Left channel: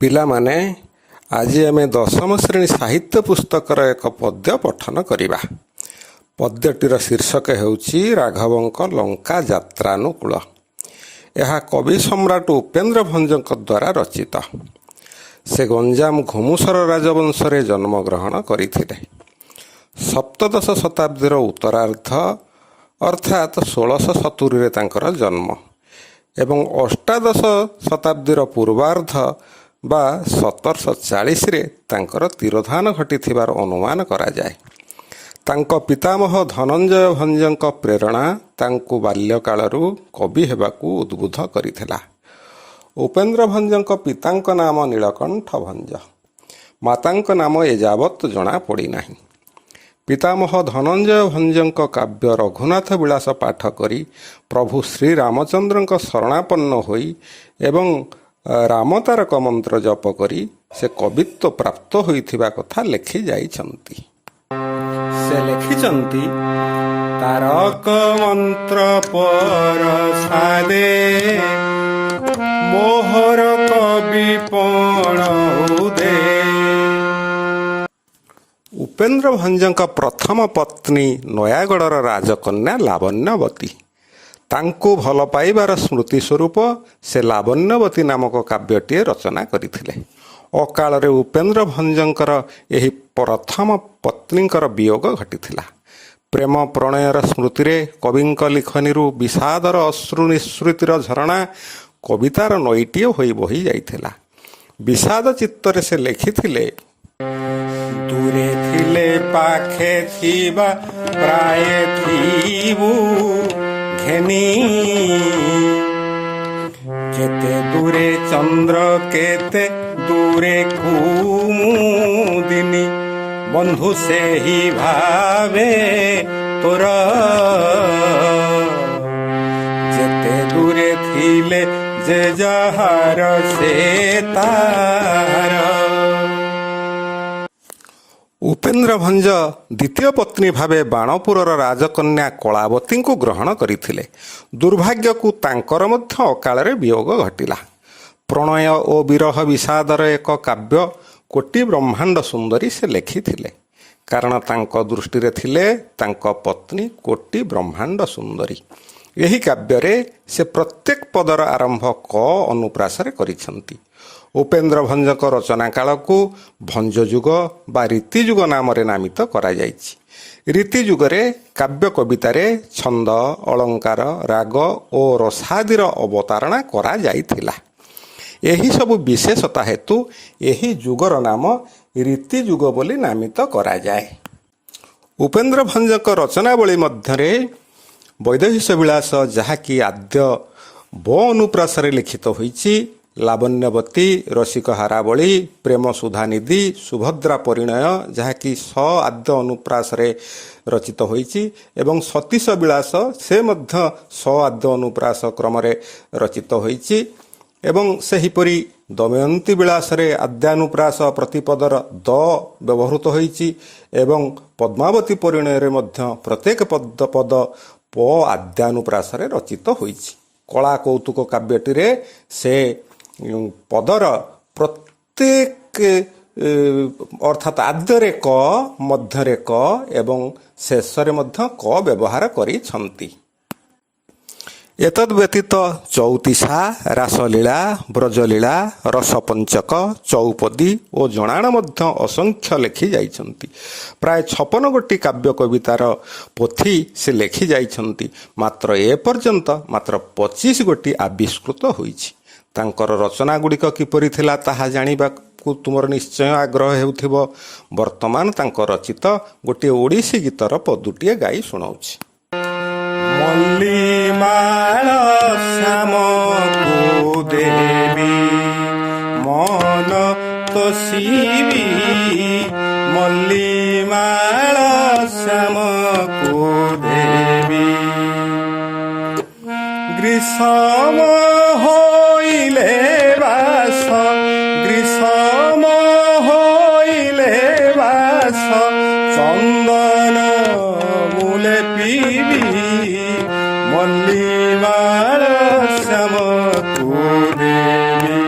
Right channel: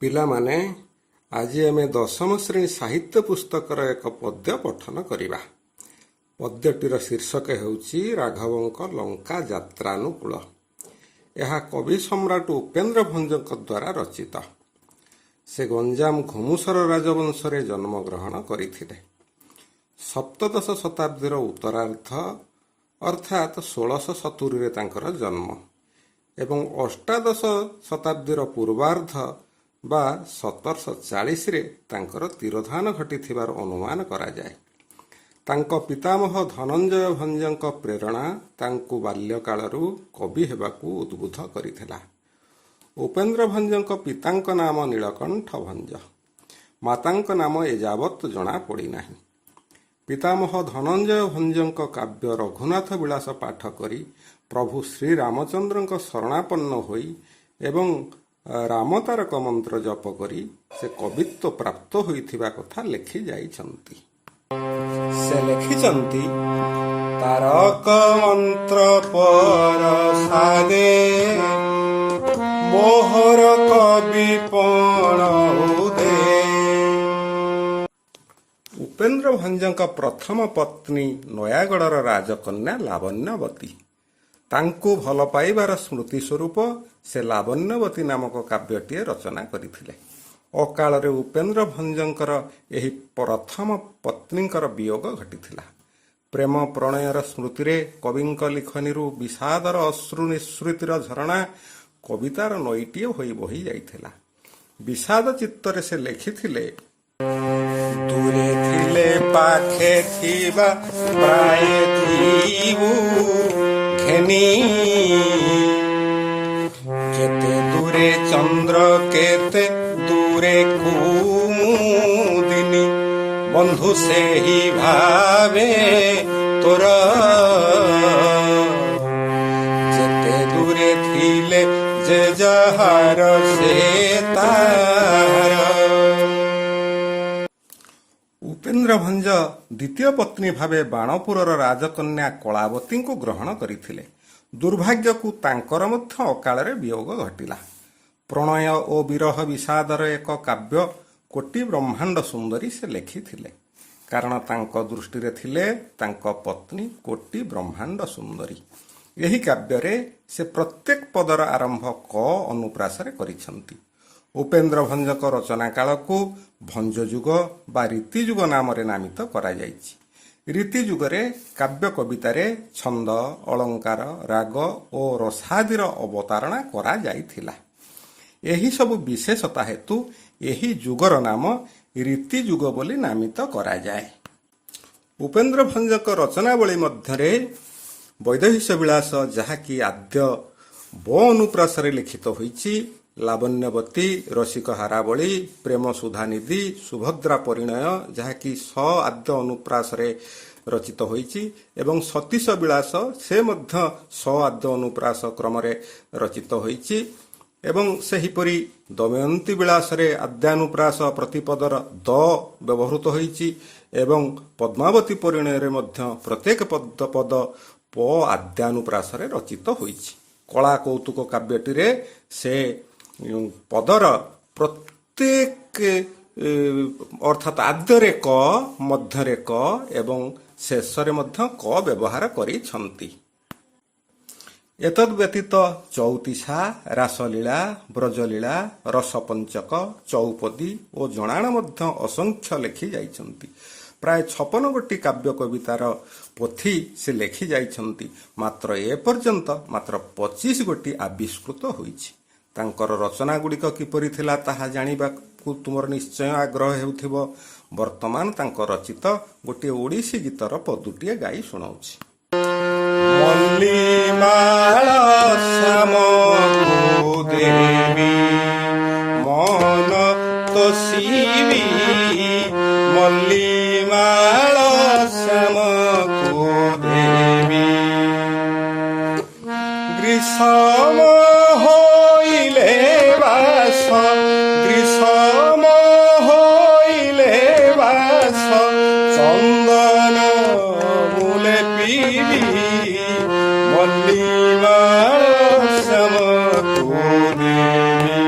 ପିଲାମାନେ, ଆଜି ଆମେ ଦଶମ ଶ୍ରେଣୀ ସାହିତ୍ୟ ପୁସ୍ତକର ଏକ ପଦ୍ୟ ପଠନ କରିବା। ପଦ୍ୟଟିର ଶୀର୍ଷକ ହେଉଛି ରାଘବଙ୍କ ଲଙ୍କା ଯାତ୍ରାନୁକୂଳ। ଏହା କବି ସମ୍ରାଟ ଉପେନ୍ଦ୍ର ଭଞ୍ଜଙ୍କ ଦ୍ୱାରା ରଚିତ। ସେ ଗଞ୍ଜାମ ଘୁମୁସର ରାଜବଂଶରେ ଜନ୍ମଗ୍ରହଣ କରିଥିଲେ। ସପ୍ତଦଶ ଶତାବ୍ଦୀର ଉତ୍ତରାର୍ଦ୍ଧ ଅର୍ଥାତ୍ 1670ରେ ତାଙ୍କର ଜନ୍ମ ଏବଂ ଅଷ୍ଟାଦଶ ଶତାବ୍ଦୀର ପୂର୍ବାର୍ଦ୍ଧ ବା 1740ରେ ତାଙ୍କର ତିରୋଧାନ ଘଟିଥିବାର ଅନୁମାନ କରାଯାଏ। ତାଙ୍କ ପିତାମହ ଧନଞ୍ଜୟ ଭଞ୍ଜଙ୍କ ପ୍ରେରଣା ତାଙ୍କୁ ବାଲ୍ୟକାଳରୁ କବି ହେବାକୁ ଉଦ୍ବୁଦ୍ଧ କରିଥିଲା। ଉପେନ୍ଦ୍ର ଭଞ୍ଜଙ୍କ ପିତାଙ୍କ ନାମ ନୀଳକଣ୍ଠ ଭଞ୍ଜ, ମାତାଙ୍କ ନାମ ଏଯାବତ୍ ଜଣାପଡ଼ିନାହିଁ। ପିତାମହ ଧନଞ୍ଜୟ ଭଞ୍ଜଙ୍କ କାବ୍ୟ ରଘୁନାଥ ବିଳାସ ପାଠ କରି ପ୍ରଭୁ ଶ୍ରୀରାମଚନ୍ଦ୍ରଙ୍କ ଶରଣାପନ୍ନ ହୋଇ ଏବଂ ରାମତାରକ ମନ୍ତ୍ର ଜପ କରି ସେ କବିତ୍ୱ ପ୍ରାପ୍ତ ହୋଇଥିବା କଥା ଲେଖି ଯାଇଛନ୍ତି। ସେ ଲେଖିଛନ୍ତି, ତାରକ ମନ୍ତ୍ର ପରସାଦେ ମୋହର କବି ପଣ ଉଦେ। ଉପେନ୍ଦ୍ର ଭଞ୍ଜଙ୍କ ପ୍ରଥମ ପତ୍ନୀ ନୟାଗଡ଼ର ରାଜକନ୍ୟା ଲାବଣ୍ୟବତୀ। ତାଙ୍କୁ ଭଲ ପାଇବାର ସ୍ମୃତି ସ୍ୱରୂପ ସେ ଲାବଣ୍ୟବତୀ ନାମକ କାବ୍ୟଟିଏ ରଚନା କରିଥିଲେ। ଅକାଳରେ ଉପେନ୍ଦ୍ର ଭଞ୍ଜଙ୍କର ଏହି ପ୍ରଥମ ପତ୍ନୀଙ୍କର ବିୟୋଗ ଘଟିଥିଲା। ପ୍ରେମ ପ୍ରଣୟର ସ୍ମୃତିରେ କବିଙ୍କ ଲିଖନୀରୁ ବିଷାଦର ଅଶ୍ରୁ ନିଃସୃତିର ଝରଣା କବିତାର ନଈଟିଏ ହୋଇ ବହି ଯାଇଥିଲା। ବିଷାଦ ଚିତ୍ତରେ ସେ ଲେଖିଥିଲେ, ଦୂରେ ଥିଲେ ପାଖେ ଥିବା ପ୍ରାୟ ଥିବୁ ଘେନି, କେତେ ଦୂରେ ଚନ୍ଦ୍ର କେତେ ଦୂରେ କୁମୁଦିନି, ବନ୍ଧୁ ସେହି ଭାବେ ତୋର, ଯେତେ ଦୂରେ ଥିଲେ ଯେ ଯାହାର ସେ ତାର। ଉପେନ୍ଦ୍ର ଭଞ୍ଜ ଦ୍ୱିତୀୟ ପତ୍ନୀ ଭାବେ ବାଣପୁରର ରାଜକନ୍ୟା କଳାବତୀଙ୍କୁ ଗ୍ରହଣ କରିଥିଲେ। ଦୁର୍ଭାଗ୍ୟକୁ ତାଙ୍କର ମଧ୍ୟ ଅକାଳରେ ବିୟୋଗ ଘଟିଲା। ପ୍ରଣୟ ଓ ବିରହ ବିଷାଦର ଏକ କାବ୍ୟ କୋଟି ବ୍ରହ୍ମାଣ୍ଡ ସୁନ୍ଦରୀ ସେ ଲେଖିଥିଲେ, କାରଣ ତାଙ୍କ ଦୃଷ୍ଟିରେ ଥିଲେ ତାଙ୍କ ପତ୍ନୀ କୋଟି ବ୍ରହ୍ମାଣ୍ଡ ସୁନ୍ଦରୀ। ଏହି କାବ୍ୟରେ ସେ ପ୍ରତ୍ୟେକ ପଦର ଆରମ୍ଭ କ ଅନୁପ୍ରାସରେ କରିଛନ୍ତି। ଉପେନ୍ଦ୍ର ଭଞ୍ଜଙ୍କ ରଚନା କାଳକୁ ଭଞ୍ଜ ଯୁଗ ବା ରୀତି ଯୁଗ ନାମରେ ନାମିତ କରାଯାଇଛି। ରୀତି ଯୁଗରେ କାବ୍ୟ କବିତାରେ ଛନ୍ଦ, ଅଳଙ୍କାର, ରାଗ ଓ ରସାଦିର ଅବତାରଣା କରାଯାଇଥିଲା। ଏହିସବୁ ବିଶେଷତା ହେତୁ ଏହି ଯୁଗର ନାମ ରୀତି ଯୁଗ ବୋଲି ନାମିତ କରାଯାଏ। ଉପେନ୍ଦ୍ର ଭଞ୍ଜଙ୍କ ରଚନାବଳୀ ମଧ୍ୟରେ ବୈଦେହୀଶ ବିଳାସ, ଯାହାକି ଆଦ୍ୟ ବ ଅନୁପ୍ରାସରେ ଲିଖିତ ହୋଇଛି, ଲାବଣ୍ୟବତୀ, ରସିକ ହାରାବଳୀ, ପ୍ରେମ ସୁଧାନିଧି, ସୁଭଦ୍ରା ପରିଣୟ, ଯାହାକି ସ ଆଦ୍ୟ ଅନୁପ୍ରାସରେ ରଚିତ ହୋଇଛି ଏବଂ ସତୀଶ ବିଳାସ, ସେ ମଧ୍ୟ ସ ଆଦ୍ୟ ଅନୁପ୍ରାସ କ୍ରମରେ ରଚିତ ହୋଇଛି ଏବଂ ସେହିପରି ଦମୟନ୍ତୀ ବିଳାସରେ ଆଦ୍ୟାନୁପ୍ରାସ ପ୍ରତିପଦର ଦ ବ୍ୟବହୃତ ହୋଇଛି ଏବଂ ପଦ୍ମାବତୀ ପରିଣୟରେ ମଧ୍ୟ ପ୍ରତ୍ୟେକ ପଦ ପ ଆଦ୍ୟାନୁପ୍ରାସରେ ରଚିତ ହୋଇଛି। କଳା କୌତୁକ କାବ୍ୟଟିରେ ସେ ପଦର ପ୍ରତ୍ୟେକ ଅର୍ଥାତ୍ ଆଦ୍ୟରେ କ, ମଧ୍ୟରେ କ ଏବଂ ଶେଷରେ ମଧ୍ୟ କ ବ୍ୟବହାର କରିଛନ୍ତି। ଏତଦ୍ ବ୍ୟତୀତ ଚଉତିଶା, ରାସଲୀଳା, ବ୍ରଜଲୀଳା, ରସପଞ୍ଚକ, ଚଉପଦୀ ଓ ଜଣାଣ ମଧ୍ୟ ଅସଂଖ୍ୟ ଲେଖି ଯାଇଛନ୍ତି। ପ୍ରାୟ 56 ଗୋଟି କାବ୍ୟ କବିତାର ପୋଥି ସେ ଲେଖି ଯାଇଛନ୍ତି। ମାତ୍ର ଏପର୍ଯ୍ୟନ୍ତ ମାତ୍ର 25 ଗୋଟି ଆବିଷ୍କୃତ ହୋଇଛି। ତାଙ୍କର ରଚନା ଗୁଡ଼ିକ କିପରି ଥିଲା ତାହା ଜାଣିବାକୁ ତୁମର ନିଶ୍ଚୟ ଆଗ୍ରହ ହେଉଥିବ। ବର୍ତ୍ତମାନ ତାଙ୍କ ରଚିତ ଗୋଟିଏ ଓଡ଼ିଶୀ ଗୀତର ପଦୁଟିଏ ଗାଇ ଶୁଣାଉଛି। ମଲ୍ଲିମାଳ ଶ୍ୟାମକୁ ଦେବି ମନ ତୋଷିବି, ମଲ୍ଲିମାଳ ଶ୍ୟାମକୁ ଦେବି, ଗ୍ରୀଷମ ହୋଇଲେ ବାସ, ଗ୍ରୀଷମ ହୋଇଲେ ବାସ, ଚନ୍ଦନ ମୂଳେ ପିବି, ମଲ୍ଲିମାଳ ଶ୍ୟାମକୁ ଦେବି।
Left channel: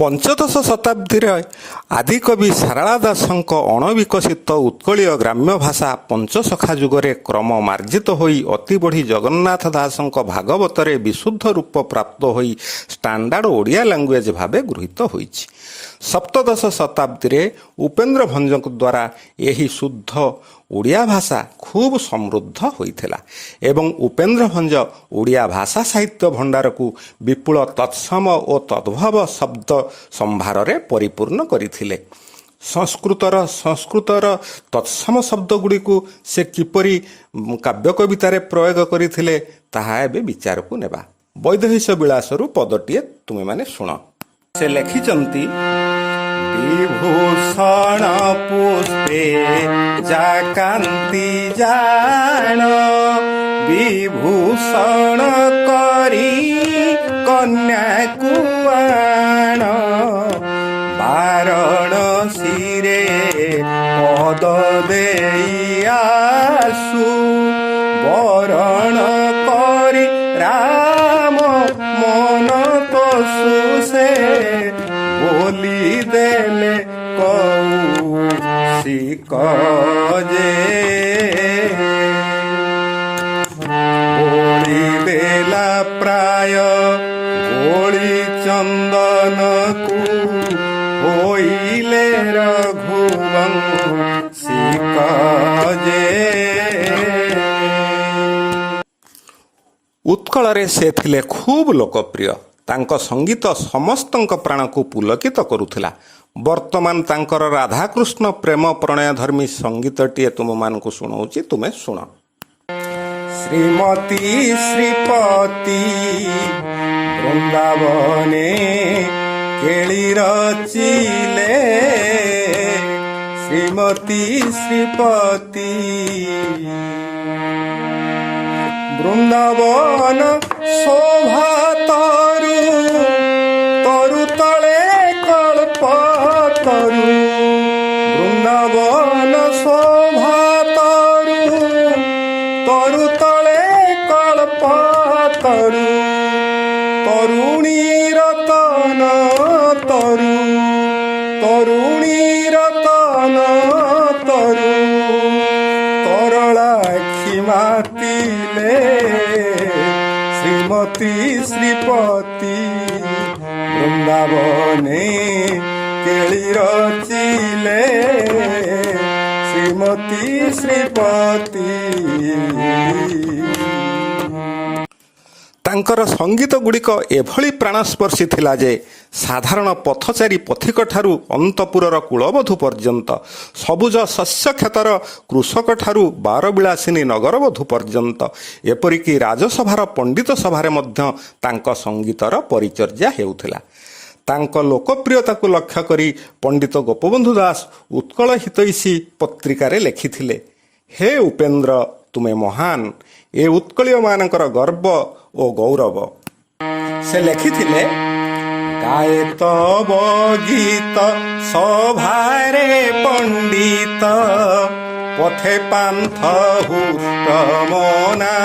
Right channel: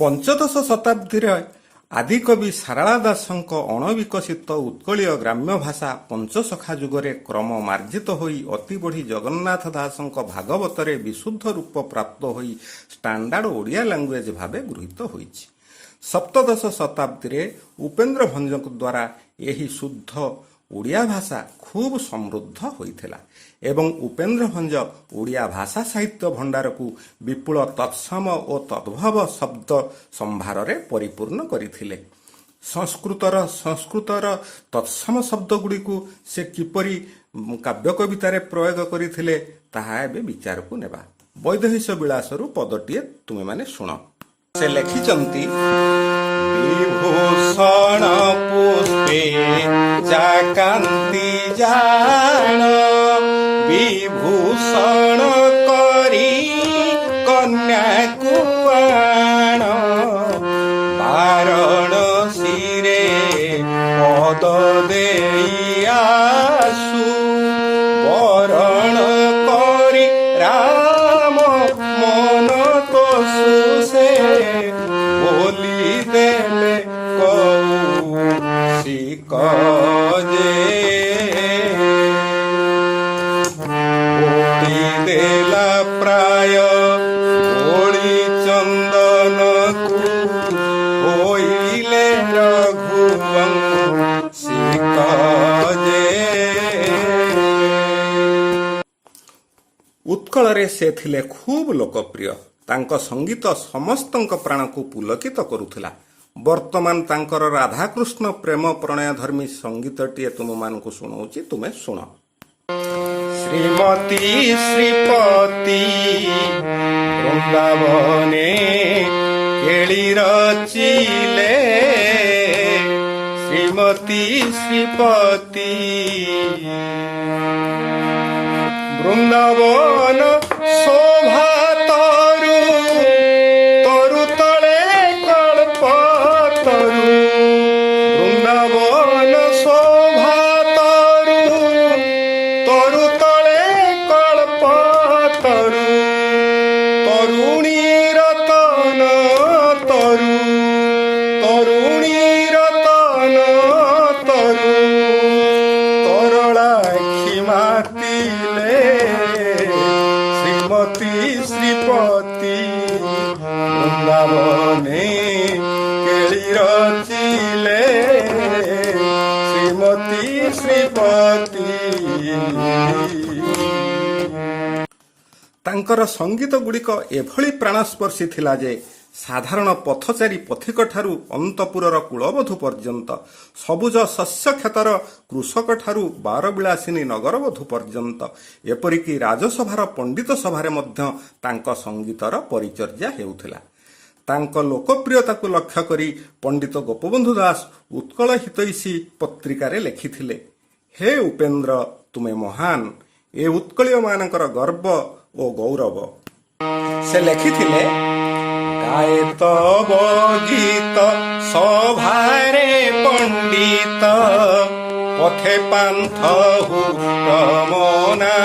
ପଞ୍ଚଦଶ ଶତାବ୍ଦୀରେ ଆଦିକବି ସାରଳା ଦାସଙ୍କ ଅଣବିକଶିତ ଉତ୍କଳୀୟ ଗ୍ରାମ୍ୟ ଭାଷା ପଞ୍ଚସଖା ଯୁଗରେ କ୍ରମ ମାର୍ଜିତ ହୋଇ ଅତି ବଢ଼ି ଜଗନ୍ନାଥ ଦାସଙ୍କ ଭାଗବତରେ ବିଶୁଦ୍ଧ ରୂପ ପ୍ରାପ୍ତ ହୋଇ ଷ୍ଟାଣ୍ଡାର୍ଡ ଓଡ଼ିଆ ଲାଙ୍ଗୁଏଜ ଭାବେ ଗୃହୀତ ହୋଇଛି। ସପ୍ତଦଶ ଶତାବ୍ଦୀରେ ଉପେନ୍ଦ୍ର ଭଞ୍ଜଙ୍କ ଦ୍ୱାରା ଏହି ଶୁଦ୍ଧ ଓଡ଼ିଆ ଭାଷା ଖୁବ୍ ସମୃଦ୍ଧ ହୋଇଥିଲା ଏବଂ ଉପେନ୍ଦ୍ର ଭଞ୍ଜ ଓଡ଼ିଆ ଭାଷା ସାହିତ୍ୟ ଭଣ୍ଡାରକୁ ବିପୁଳ ତତ୍ସମ ଓ ତଦ୍ଭବ ଶବ୍ଦ ସମ୍ଭାରରେ ପରିପୂର୍ଣ୍ଣ କରିଥିଲେ। ସଂସ୍କୃତର ତତ୍ସମ ଶବ୍ଦଗୁଡ଼ିକୁ ସେ କିପରି କାବ୍ୟ କବିତାରେ ପ୍ରୟୋଗ କରିଥିଲେ ତାହା ଏବେ ବିଚାରକୁ ନେବା। ବୈଦେହୀଶ ବିଳାସରୁ ପଦଟିଏ ତୁମେମାନେ ଶୁଣ। ସେ ଲେଖିଛନ୍ତି, ବିଭୂଷଣ ପୁଷ୍ପେ ଜାକାନ୍ତି ଜାଣ, ବିଭୂଷଣ କରି କନ୍ୟାକୁ ଆଣ, ବାରଣସୀରେ ପଦ ଦେଇ ଆସୁ, ବରଣ କରି ରାମ ମନ ପଶୁ ସେ, ବୋଲି ଦେଲେ କୌଶିକ ଯେ, ବୋଳି ଦେଲା ପ୍ରାୟ ବୋଳି ଚନ୍ଦନକୁ, ହୋଇଲେ ରଘୁବଂଶିକ ଯେ। ଉତ୍କଳରେ ସେ ଥିଲେ ଖୁବ୍ ଲୋକପ୍ରିୟ। ତାଙ୍କ ସଙ୍ଗୀତ ସମସ୍ତଙ୍କ ପ୍ରାଣକୁ ପୁଲକିତ କରୁଥିଲା। ବର୍ତ୍ତମାନ ତାଙ୍କର ରାଧାକୃଷ୍ଣ ପ୍ରେମ ପ୍ରଣୟଧର୍ମୀ ସଙ୍ଗୀତଟିଏ ତୁମମାନଙ୍କୁ ଶୁଣାଉଛି, ତୁମେ ଶୁଣ। ଶ୍ରୀମତୀ ଶ୍ରୀପତି ବୃନ୍ଦାବନେ କେଳି ରଚିଲେ, ଶ୍ରୀମତୀ ଶ୍ରୀପତି ବୃନ୍ଦାବନ ଶୋଭା ତରୁ, ତରୁ ତଳେ କଳ୍ପ ତରୁ, ବୃନ୍ଦାବନ ଶୋଭା ତରୁ, ତରୁ ତଳେ କଳ୍ପ ତରୁ, ତରୁଣୀ ରତନ ତରୁ, ତରୁଣୀ ରତନ ତରୁ, ତରଳାକ୍ଷୀ ମାତିଲେ, ଶ୍ରୀମତୀ ଶ୍ରୀପତି ବୃନ୍ଦାବନେ କେଳି ରଚିଲେ, ଶ୍ରୀମତୀ ଶ୍ରୀପତି। ତାଙ୍କର ସଙ୍ଗୀତ ଗୁଡ଼ିକ ଏଭଳି ପ୍ରାଣସ୍ପର୍ଶୀ ଥିଲା ଯେ ସାଧାରଣ ପଥଚାରୀ ପଥିକଠାରୁ ଅନ୍ତପୁରର କୁଳବଧୂ ପର୍ଯ୍ୟନ୍ତ, ସବୁଜ ଶସ୍ୟକ୍ଷେତର କୃଷକଠାରୁ ବାରବିଳାସିନୀ ନଗରବଧୂ ପର୍ଯ୍ୟନ୍ତ, ଏପରିକି ରାଜସଭାର ପଣ୍ଡିତ ସଭାରେ ମଧ୍ୟ ତାଙ୍କ ସଙ୍ଗୀତର ପରିଚର୍ଯା ହେଉଥିଲା। ତାଙ୍କ ଲୋକପ୍ରିୟତାକୁ ଲକ୍ଷ୍ୟ କରି ପଣ୍ଡିତ ଗୋପବନ୍ଧୁ ଦାସ ଉତ୍କଳ ହିତୈଷୀ ପତ୍ରିକାରେ ଲେଖିଥିଲେ, ହେ ଉପେନ୍ଦ୍ର, ତୁମେ ମହାନ, ଏ ଉତ୍କଳୀୟମାନଙ୍କର ଗର୍ବ ଓ ଗୌରବ। ସେ ଲେଖିଥିଲେ, ଗାଏ ତବ ଗୀତ ସଭାରେ ପଣ୍ଡିତ, ପଥେ ପାନ୍ଥ ହୁଷ୍ଟ ମନା,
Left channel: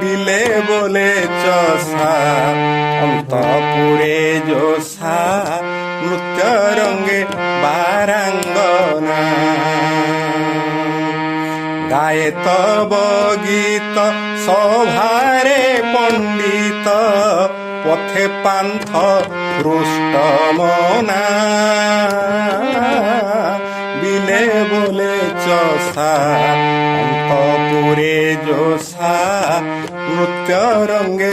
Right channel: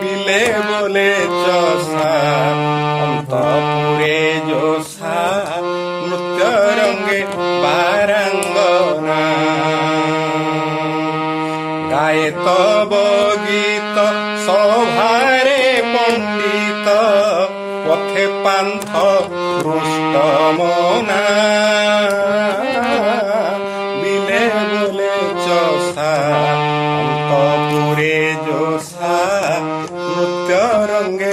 ବିଲେ ବୋଲେ ଚଷା ଅନ୍ତପୁରେ ଯୋଷା, ନୃତ୍ୟ ରଙ୍ଗେ ବାରାଙ୍ଗନା। ଗାଏ ତବ ଗୀତ ସଭାରେ ପଣ୍ଡିତ, ପଥେ ପାନ୍ଥ ହୃଷ୍ଟ ମନା, ବିଲେ ବୋଲେ ଚଷା ଅନ୍ତପୁରେ ଯୋଷା, ନୃତ୍ୟ ରଙ୍ଗେ